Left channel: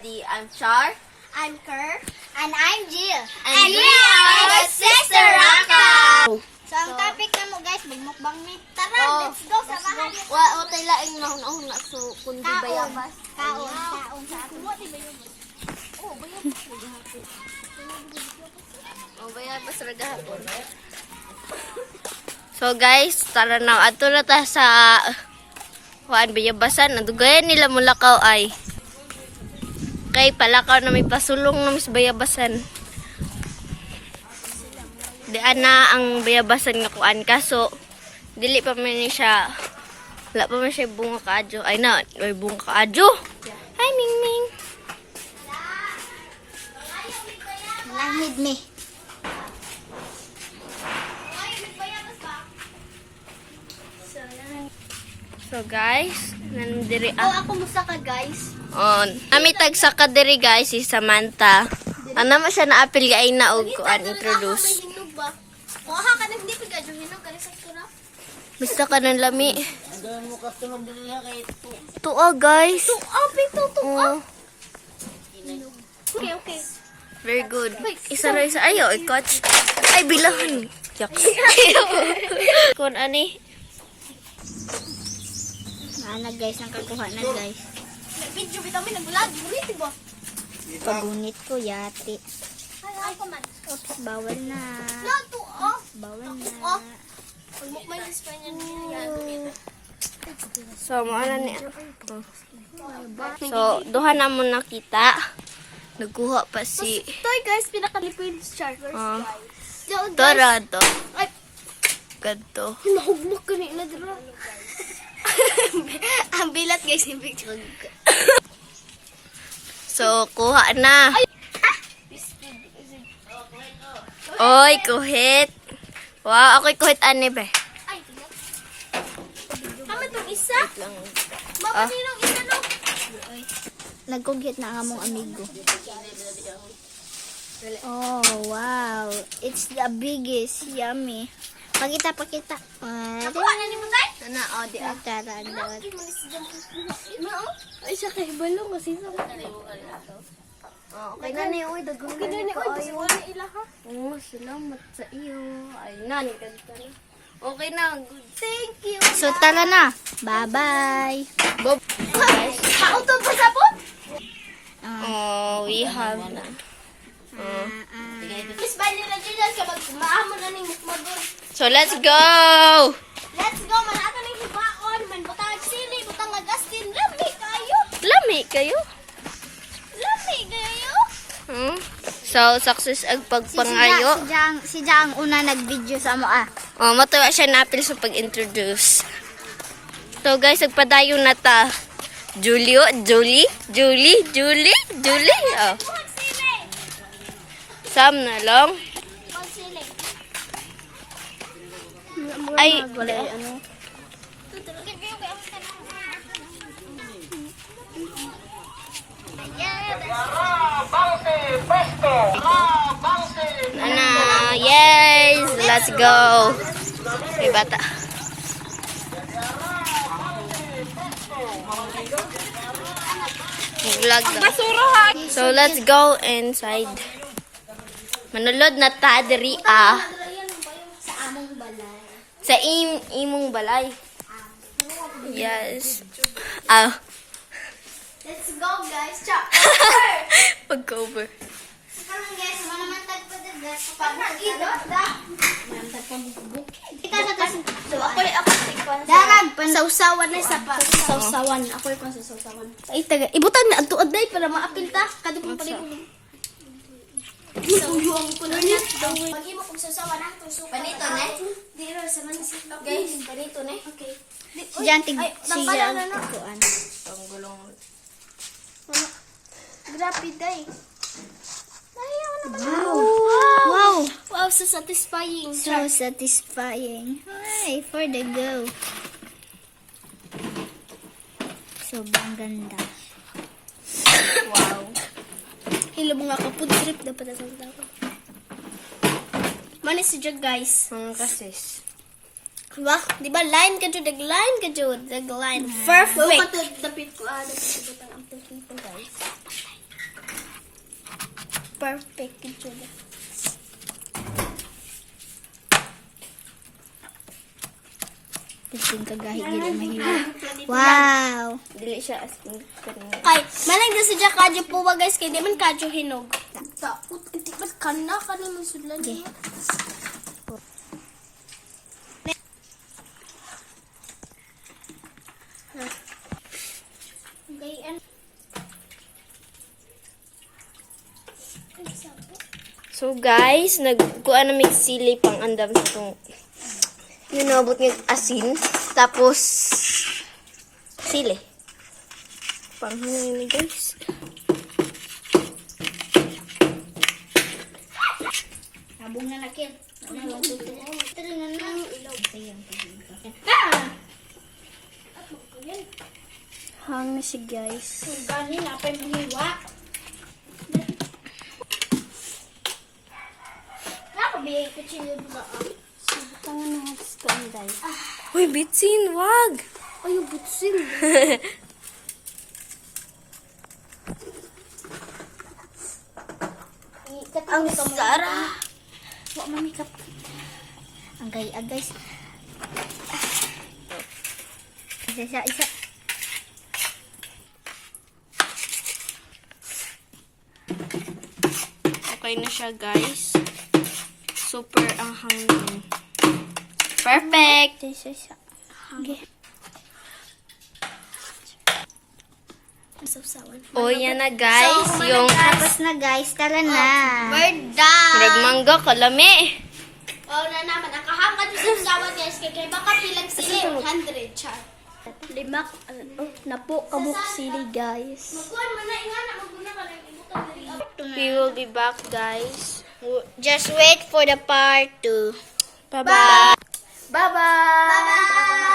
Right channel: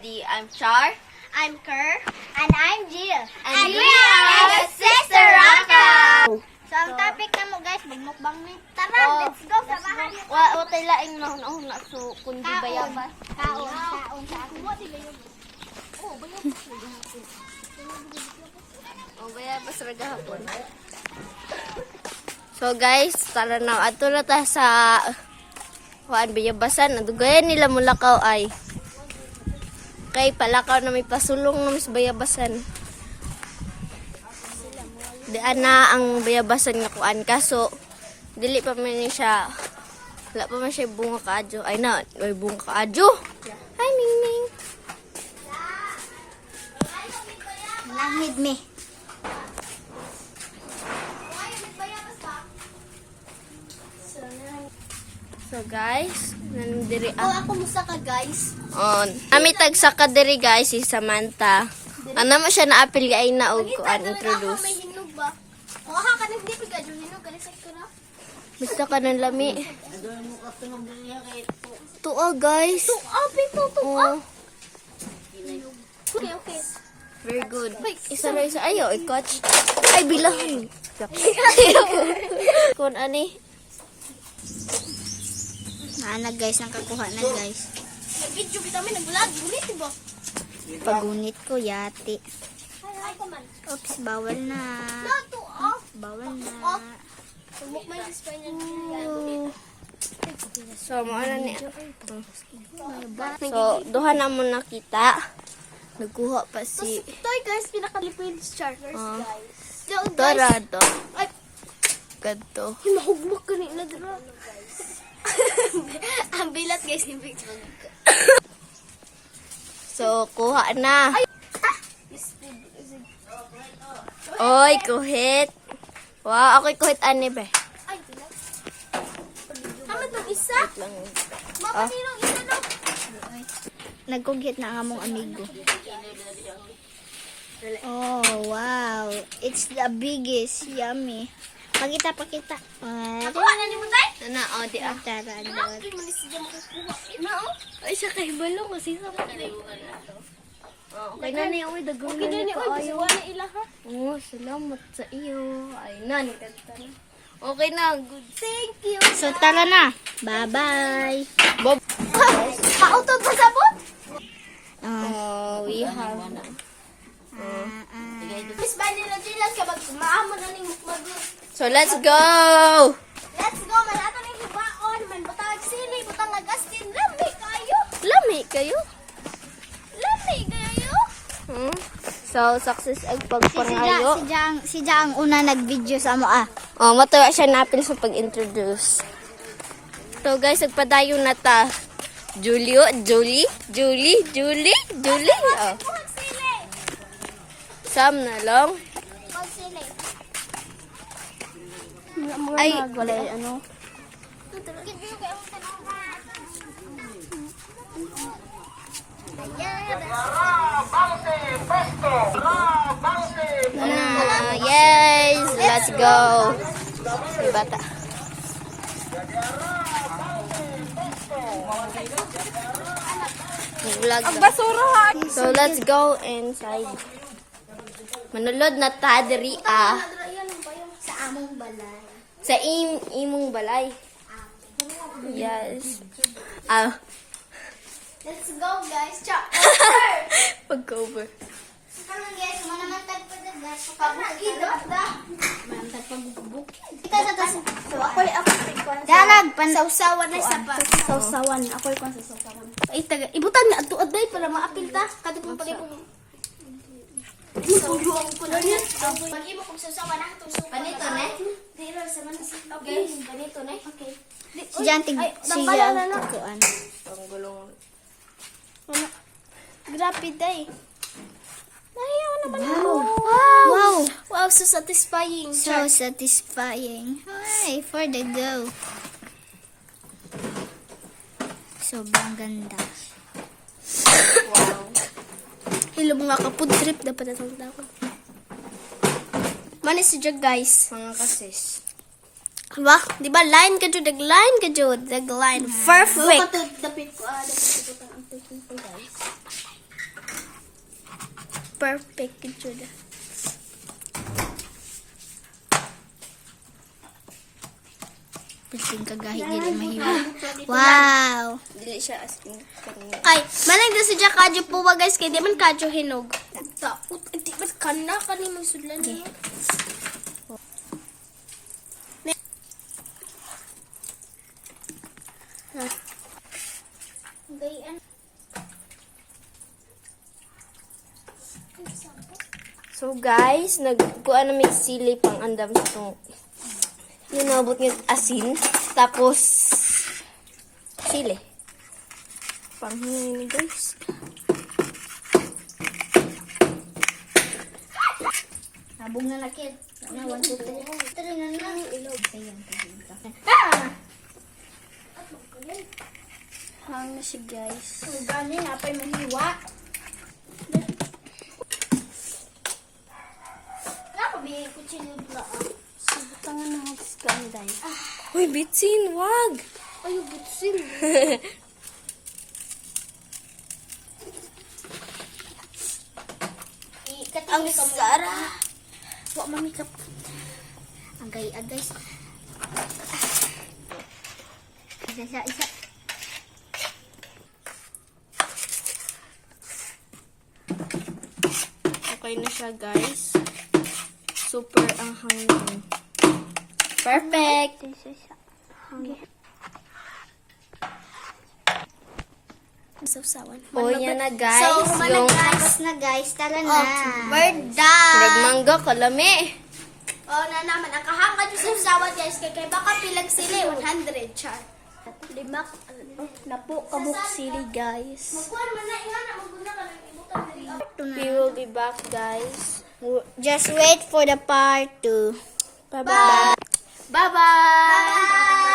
I'm Char. I'm Kerr. And I'm Jill. And we are Sister Raka. So, ang topic na mo guys, magmukbang ni. Tara, let's go. Samahan niyo. Wa tay laing nahuna so kundi bayabas. Kaon. Sa ako. Oh, bayabas ra gahapon. So guys, tara na adto na ta sa kuan bayabasan. Adugayan nila mulakaw ay. Kay palakaw na may pasulong na mas bayabasan. Diyan na ang bayabasan nga kuan kaso dili pa man siya wala pa man siya bunga kaadyo. Ay na, may bunga kaadyo. Hi Mingming. Langid me. So guys, nandiri Ako musta ka guys? on. Ami tagsa ka diri guys si Samantha. Ano mo siya na-apil kay na og kuan introduce. Kuha ka nang dipig adyo hinog ka sa kura. Basta ka ng lami. Tuwa guys. Pito to. Oh, Okay. very good. Isa ra isa ayo i-catch. Ay bilahan. Yak. Kun ani? Ana guys, ang kakuha na guys. Video bitaw mi nag-vlog, ulit ba? Pagunit ko yati. Ay ko man. Oops, bawal na. to Bawal na. Pagmukmay sa Espanya So, mo ana ni. So, duha na mo nakita. Nagkuha pa si Toy guys, pinakalipid chargers Ah. guys. Torado. Ay, Kadto. mahugmok ka ni na dira. Ang bilat guys, yung picture. So, kuha na. Oy, kuhit. Wow, ako'y kuhit ani be. Ay, bilat. Tama itong isa? Ah. Sinong isa no? Nagkughit na ang among amigo. Oh, wow. It's the biggest. Yummy. Pakita. Kuha na ni mo tay? Ana, oh, di ah. Tara, dot. Ay, sa kay balong kasi sa Okay na ni, oy, dagang na ni kaayo. Oh, salamat sa iyo. Ay, nani, kadto. Okay na, good. Thank you. So, tara na. Bye-bye. Bob. Pautod pa sa po? Oh, we have na. Miss Bay nila dyan ka maamo na ning mukmagod. So, let's go! Let's go, malata ning hibaon, man butang sili, butang agastin, lami kayo. Lami kayo? Lami kayo. Hmm? So, success ang pagpangayo. Si Jang una nag-video sa mo ah. Oh, matuwa siya napil sa pag-introduce. So, guys, nagpadayo na ta. Julie. Oh. Buhat sili. Sam na lang. Buhat sili. Ay, ano? Ana, yes, let's go. Okay, bata. Vlog daw. So, let's go inside. Manulod na ta diri ah. Sa among balay. Sa imong balay. Yes. Ah, Let's go guys. Cha. pag-cover. Parang guys, manamantag pa din guys. Pag-idot da. Manamantag pa bukid. Kita sa tas. So ako tikwan. Darag pan sausawan na sa pa. Sausawan. Ako ikon sa sausawan. Ay taga ibutan na adto aday para maapil ta. Kadto pa rin. Tuyo ang kuno niya. Pagi mo kung sausawan ang tuso. Panito, ne? Diro sa man si Guys, ganito na. Okay. Si Jantig si kuan. Panggulong. Grabe day. Ayaw naman. Wow. Wow, so satisfying. So satisfying. Hi, for the go. Sobrang ganda. Wow. Hello mga kapud trip dapat na ako. Manis si Jag guys. Mga kasis. Diba? Diba line ka jud, line ka jud, line. Perfect. Dapit ko, dapit ko guys. perfect ito na. Piling kagahi dili mahiwa. Wow. Dili siya as in kanina. Kay, malang na siya kadyo po ba guys, kay di man kadyo hinog. Tapos, di ba kana mo sudlan niya. Gayan. So guys, nagkuha na may sili pang andam sa itong yun nabot ng asin. Tapos sili. Panghangin ni guys. Habog na nakil. 1, 2, 3. Tara na lang ilaw. Ah! Hang na si guys. Ang gani na pa mahiwa. Nakabigay ko chilo ba? Subutangan na ako sa kanday. Uy, bitsin, wag! Ay, butsin. Ang Sara. Wak mamikap. Ang gaya guys. Isa. Okay na siya, guys. Super ang hangin. Perfect! Isa. Sausawan. O, yan na, guys. Yung Tapos na guys, tara na. We're done. nagmangga, kalami. Oh, na naman. Ang kahangad yung sausawan guys. Kaya baka pilag sila 100 char. Lima. Na po kabuk sili guys. Magkuhan mo na. Inga na. Maguna ka rin. We will be back, guys. Just wait for the part 2. Bye-bye. Bye-bye.